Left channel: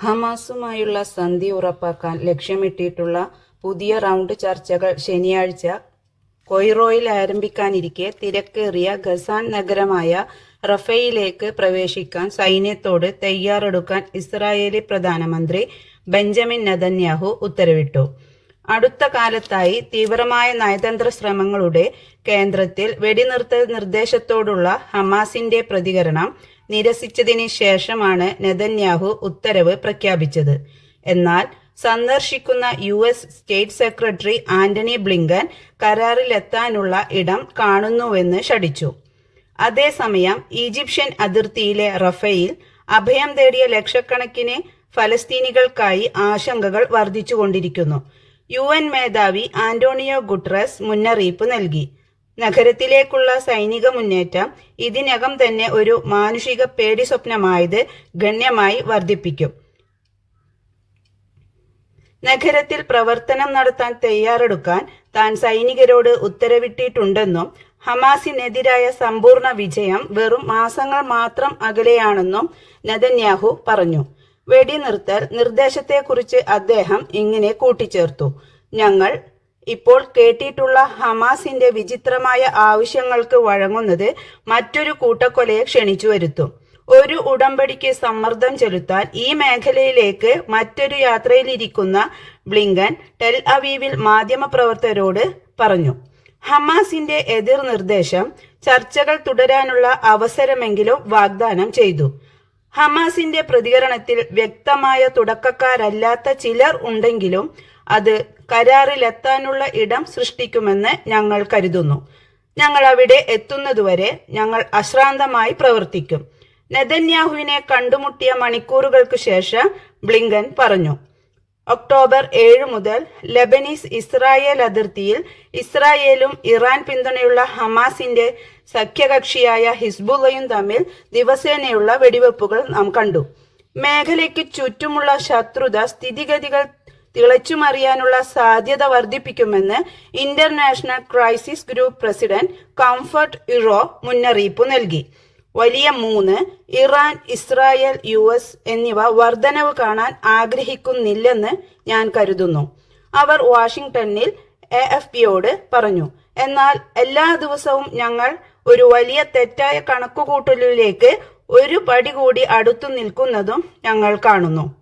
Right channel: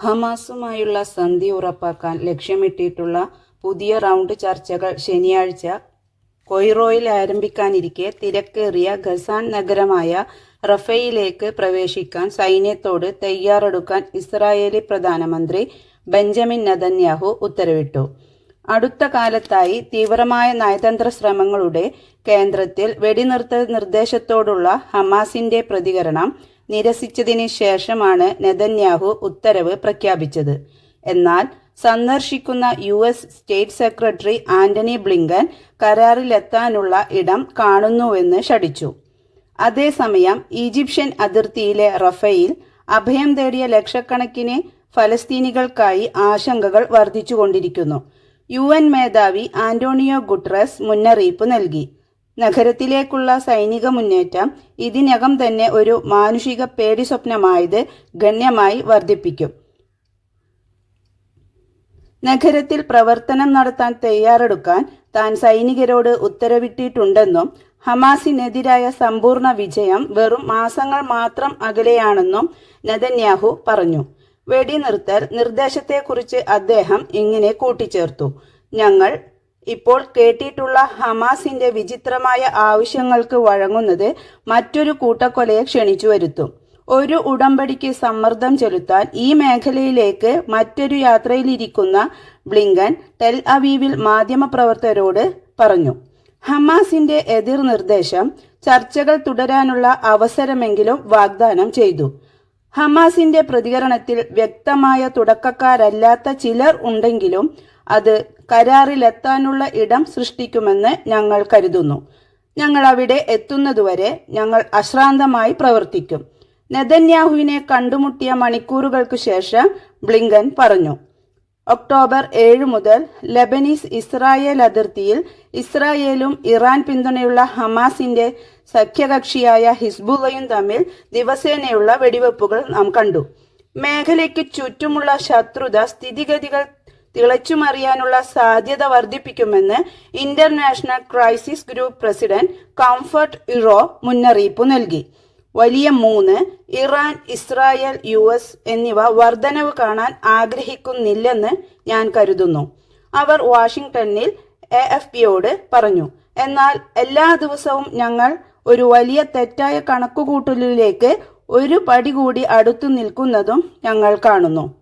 ഹമാസുമായുള്ള സന്ധി ഉറപ്പാക്കാൻ ലക്ഷ്യമിട്ടിട്ടുള്ള പുതിയ റൗണ്ട് ചർച്ചകൾ ശനിയാഴ്ച കൊയ്റോയിൽ ആരംഭിക്കാനിരിക്കെ തിരക്കേറിയ ഖസാൻ നഗരമായ റഫയിലേക്ക് പ്രവേശിക്കാൻ സൈന്യത്തോട് തയ്യാറെടുക്കാൻ ഇസ്രായേലി പ്രധാനമന്ത്രി ബെഞ്ചമിൻ നദന്യാഹു ഉത്തരവിട്ടു. അടുത്ത കാലത്തായി തീവ്രമായ നയതന്ത്ര ശ്രമങ്ങളുടെ കേന്ദ്രത്തിൽ വെടിനിർത്തൽ നിർദ്ദേശത്തോടുള്ള ഹമാസിന്റെ പ്രതികരണം നിരസിച്ചതിന് ശേഷമാണ് നെതന്യാഹു ഉത്തരവ് പ്രഖ്യാപിച്ചത്. എന്നാൽ സന്ദർശിക്കുന്ന U S state secretary Antony Blinken കരാറിലെത്താനുള്ള ഇടം കാണുന്നുവെന്ന് ഷടിച്ചു അതേസമയം ഈജിപ്ഷ്യൻ അതിർത്തിയിലെ റഫയിൽ അഭയം തേടിയ ലക്ഷക്കണക്കിന് ഫലസ്തീനികൾക്കായി ആശങ്കകൾ വർദ്ധിച്ചുകൊണ്ടിരിക്കുന്നു. യു എൻ മേധാവി ആന്റോണിയോ ഗുട്രസ് മുന്നറിയിപ്പ് നൽകി. നഗരത്തിലേക്കുള്ള സൈനിക മുന്നേറ്റം ഇതിനകം തന്നെ ഒരു മാനുഷിക പേടി സ്വപ്നമായത് ഗണ്യമായി വർദ്ധിപ്പിക്കും. നഗരത്തിൽ പ്രവർത്തനം നടത്താൻ തയ്യാറെടുക്കാൻ താൻ സൈനികരോട് ഉത്തരവിട്ടിട്ടുണ്ടെന്നും ഹമാസിനെതിരായ സമ്പൂർണ വിജയം വെറും മാസങ്ങൾ മാത്രം അകലെയാണെന്നും നെതന്യാഹു പറഞ്ഞു. വെടിനിർത്തൽ നിർദ്ദേശത്തെക്കുറിച്ച് അദ്ദേഹം ഇങ്ങനെ കൂട്ടിച്ചേർത്തു. ഞങ്ങൾ ഇപ്പോൾ കേട്ടിട്ടുള്ള ഹമാസിന്റെ വിചിത്രമായ ആവശ്യങ്ങൾക്ക് വഴങ്ങുന്നത് മറ്റൊരു കൂട്ടക്കൊലയെ ക്ഷണിച്ചു വരുത്തും. ഒരു ഉടമ്പടിക്ക് സമ്മർദ്ദം ചെലുത്താൻ ഈ മേഖലയിലേക്ക് മറ്റൊരു യാത്രയിലിരിക്കുന്ന ബ്ലിങ്കൻ ടെൽ അവീവിൽ മാധ്യമപ്രവർത്തകരോട് പറഞ്ഞു ഹമാസിന്റെ എതിർ നിർദ്ദേശം ചർച്ചകൾ തുടരാനുള്ള അവസരമെങ്കിലും വാഗ്ദാനം ചെയ്തു. ഹമാസിന്റെ പ്രതികരണത്തിൽ വ്യക്തമായ തുടക്കക്കാരല്ലാത്ത ചിലർ ഉണ്ടെങ്കിലും അത് കരാറിലെത്താനുള്ള ഇടം സൃഷ്ടിക്കുമെന്ന് ഞങ്ങൾ കരുതുന്നു. ഞങ്ങൾ അവിടെ എത്തുന്നതുവരെ ഞങ്ങൾ അശ്രാന്തമായി പ്രവർത്തിക്കും. നെതന്യാഹുവിനെ കണ്ടുമുട്ടിയ മണിക്കൂറുകൾക്ക് ശേഷം ബ്ലിങ്കൻ പറഞ്ഞു ഒക്ടോബർ ഏഴ് മുതൽ ലബനീസ് ഇസ്രായേൽ അതിർത്തിയിൽ ഇസ്രായേലും ഇറാൻ പിന്തുണയുള്ള ഹമാസിന്റെ സഖ്യകക്ഷിയായ ഹിസ്ബുള്ളയും തമ്മിൽ ദിവസേനയുള്ള വെടിവെപ്പുകൾ നാം കണ്ടു. മേഖലയ്ക്ക് ചുറ്റുമുള്ള ശത്രുത സ്ഥിതിഗതികൾ തിളച്ചുമറിയാനുള്ള സാധ്യത വർദ്ധിപ്പിക്കുമെന്ന് international crisis group president Comfort Ero മുന്നറിയിപ്പ് നൽകി. വലിയ മൂന്ന് ഇറാൻ ഇസ്രായേൽ യു എസ് എന്നിവ വർധനവ് കാണാൻ ആഗ്രഹിക്കുന്നില്ലെന്ന് ഞാൻ കരുതുന്നു. അവർ വാഷിംഗ്ടണിൽ എ എഫ് പിയോട് പറഞ്ഞു എന്നാൽ എല്ലാ ദിവസവും ഞങ്ങൾ ഒരു വലിയ തെറ്റായ കണക്കുകൂട്ടലിലേക്ക് ഒരു പടി കൂടി അടുത്തു നിൽക്കുന്നതും ഞങ്ങൾ കാണുന്നു.